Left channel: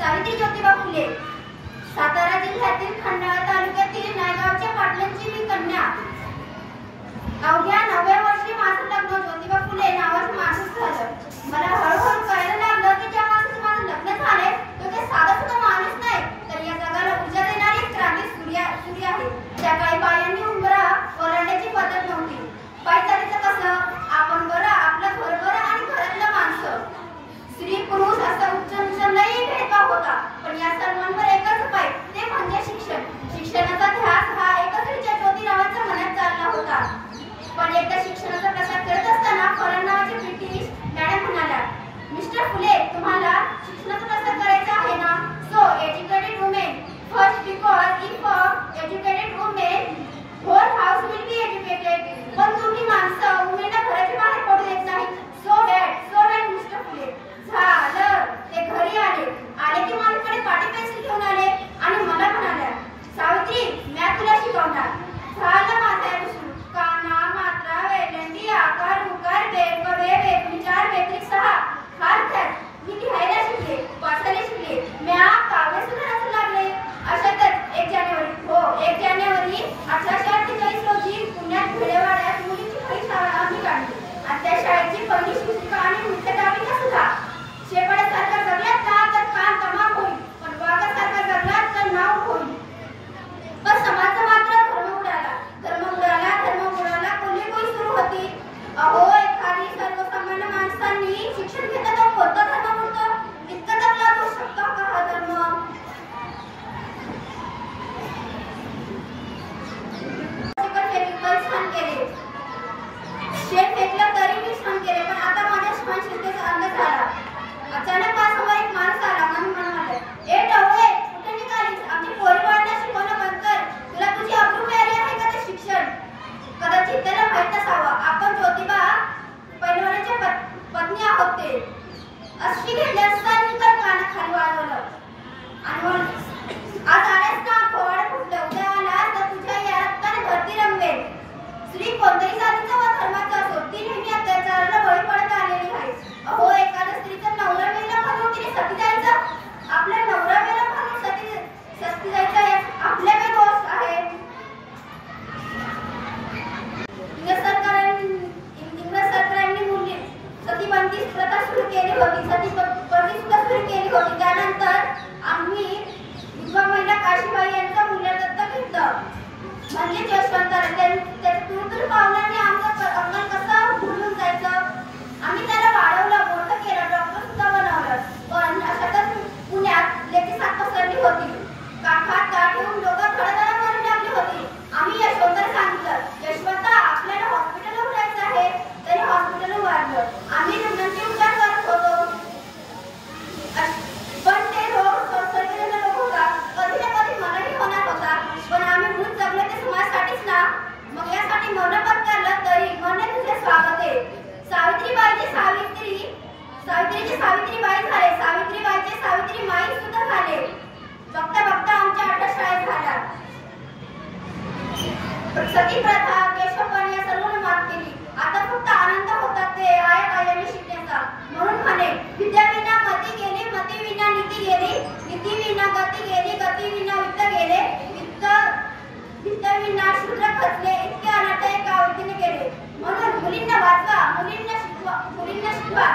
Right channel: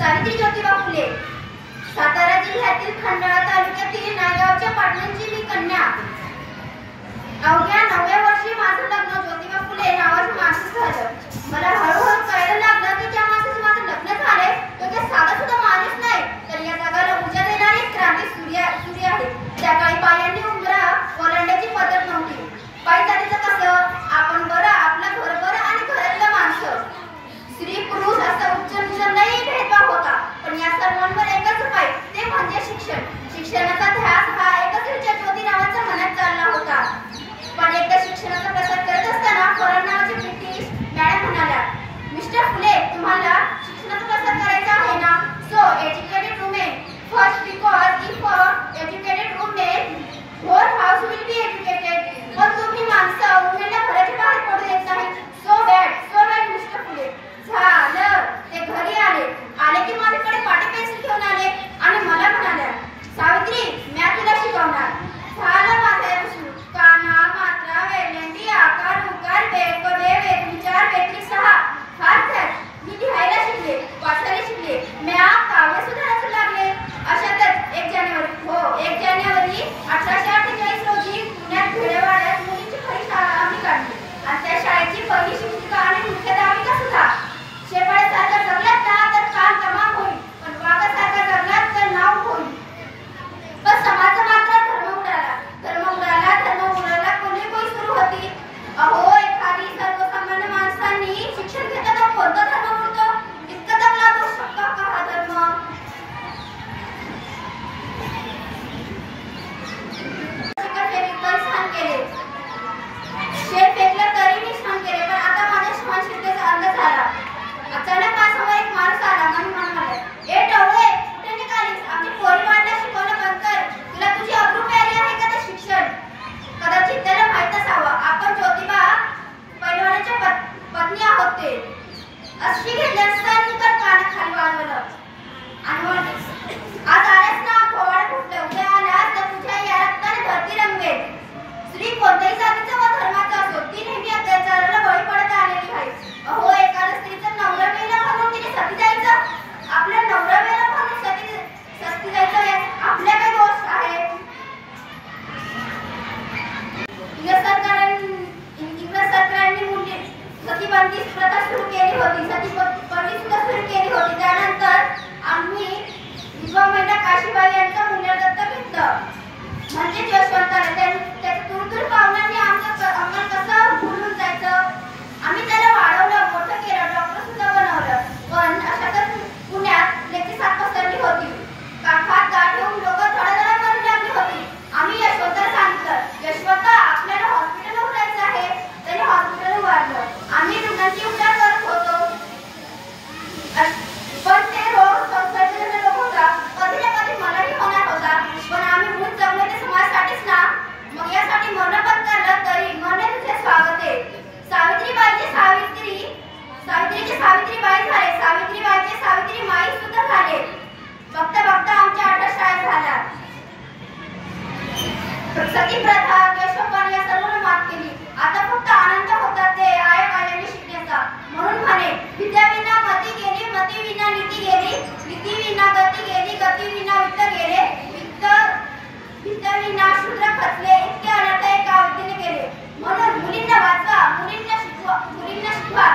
सावित्री ज्योतिबा फुले, सातारा जिल्ह्यातील खंडाळा तालुक्यातील नायगावच्या पाटलांची मी कन्या। अवघ्या 9व्या वर्षी माझं लग्न ज्योतिबा फुले नावाच्या माणसाशी झालं। मला हळूहळू कळायला लागलं की ज्या माणसाशी माझं लग्न झालंय तो काही साधा सुद्धा माणूस नाही, तर या जगाला ऊर्जा देणारी क्रांती सूर्य आहे। त्या काळी बायांनी उंबरा ओलांडण्याची पद्धत नव्हती। बाई जातीचं कसं, आपण बरं, आपलं घर बरं आणि घरातलं माणसं, स्त्री पुरुष असं उच्च नीच नाही भेदभाव होता। पण या सर्वांवर एकच उपाय, ते म्हणजे शिक्षण। शिक्षणाचा ध्यास हा एकच विचार ज्योती नावाचा मनात चालला होता। पण एकदा शिक्षणाचा प्रसार करत असताना फरान नावाच्या ब्रिटिश मॅडम म्हणाल्या, मिस्टर फुले, तुम्हाला शिक्षणाचा प्रसार करायचा आहे ना? So educated women first, because if educated women whole house will be educated. पण तुम्ही माणसं वुमेनला घराच्या बाहेर पडू देत नाही। So bad mister Phule. झालं, ते घरी आले की माझ्याकडे पाटी पेन्सिल घेऊन आले आणि मला म्हणाल्या, सावित्री, मी तुला शिकवणार। झालं माझं सुरू, काना, मात्रा, वेलंडी, आकार, उकार, वेग, वेग, विचार, वेग, सहा हात धर। मी लिहायला शिकले, वाचायला शिकले, म्या काव्य सुद्धा रचू लागले। अशातच 1 जानेवारी 1848 रोजी पुण्यात खेडेवाड्यात मुलींची पहिली शाळा आम्ही काढली आणि त्या शाळेची पहिली शिक्षिका आणि मुख्याध्यापिका सुद्धा। शेपाळ्यासारखा जगलात ना तर कान तमाम होईल, पण वाघासारखा जगलात तर नाव होईल। पण समाज मात्र धर्म उडाला कोणी सुरू होती। अहो, एखादी सर्वसामान्य माणसांनी शिक्षण घेताना कोणता धर्म उडतो? इतका दगला तो शकतो का हा धर्म? शेत फेकलं तरी मी छान केले, पण आता माझ्या छान शिकण्याचा अंदाज झाला। अचानक माझ्यासमोर एक माणूस आला आणि म्हणाला, ए टवळे, कुठे निघालीस? आमची पोरी वाढणं शिकवणं बंद कर। तुला तुझी अब्रू प्यारी आहे का ते शिक्षण? कदाचित त्याला माहित नसावं, आपण ज्योतिबा पैलवानाच्या पत्नी आहोत ते। अशी घेतल्यानंतर कानाखाली वाजवलं आणि म्हणले, आज आल्यास ना खोवाडे फुटलं, उद्या आल्यास तर तुझ्या या रक्ताने धरती रंगवेल। स्त्री कोणत्याही जातीचा व धर्माचा असो, ती नेहमी अत्याचाराला बळी पडत आलेली आहे। अहो, एखाद्या स्त्रीचा नवरा मेला म्हणून तिने सती जायचं? आपल्या नवरा मेला म्हणून सती जायचं यात आपल्या काय दोष आहे? इंग्रज सरकारांनी मुली सतीबंदी प्रथा सुरू केली होती, सतीबंदी सुद्धा सुरू केली होती। त्यानंतर आम्ही विधवा महिला काशीबाई यांचा मुलगा दत्तक घेतलं, म्हणजे यशवंताला। त्याच्या दूर पाहुण्यांनी आमचं अंगण कसं भुलून जायचं। आम्ही त्याला वाढवलं, मोठं केलं, डॉक्टर सुद्धा बनवलं। पण अशातच पुण्यात त्याची साथ पसरली होती। काठात गाठ ठेवून लोक थोडं करून लागली होती। आम्ही यशवंताला सांगितलं, यशवंता, आपल्याला हॉस्पिटलला उठायचं आहे। तरी हॉस्पिटल उभारलं। आम्ही रुग्णांची उपचार करत होतो, पण ते रोग संसर्गजन्य रोग होता, कधी ना कधी मलाही होणार होता। पण आम्ही मूळ जगलो ते समाजासाठीच ना, मग यासाठी मरण पत्करलं तरी मरणे तुझे स्वागत आहे। सावित्रीची सावित्रीबाई झाले, सावित्रीबाईचे सावित्री माई सुद्धा झाले। बघता बघता आमच्या 8 शाळा झाल्या। सती प्रथा, केशवपण या सर्वांना मात केली। आता फक्त आनंद होता ते आया काळाने शिकण्याचा। म्हणून म्हणे, विद्याविना मती गेली, मतीविना नीती गेली, नीतीविना गती गेली, गतीविना वित्त गेले, वित्तविना शूद्र खचले, इतके अनर्थ एका व्यक्तीने केले। म्हणून मुलींना वाचवा, मुलींना शिकवा,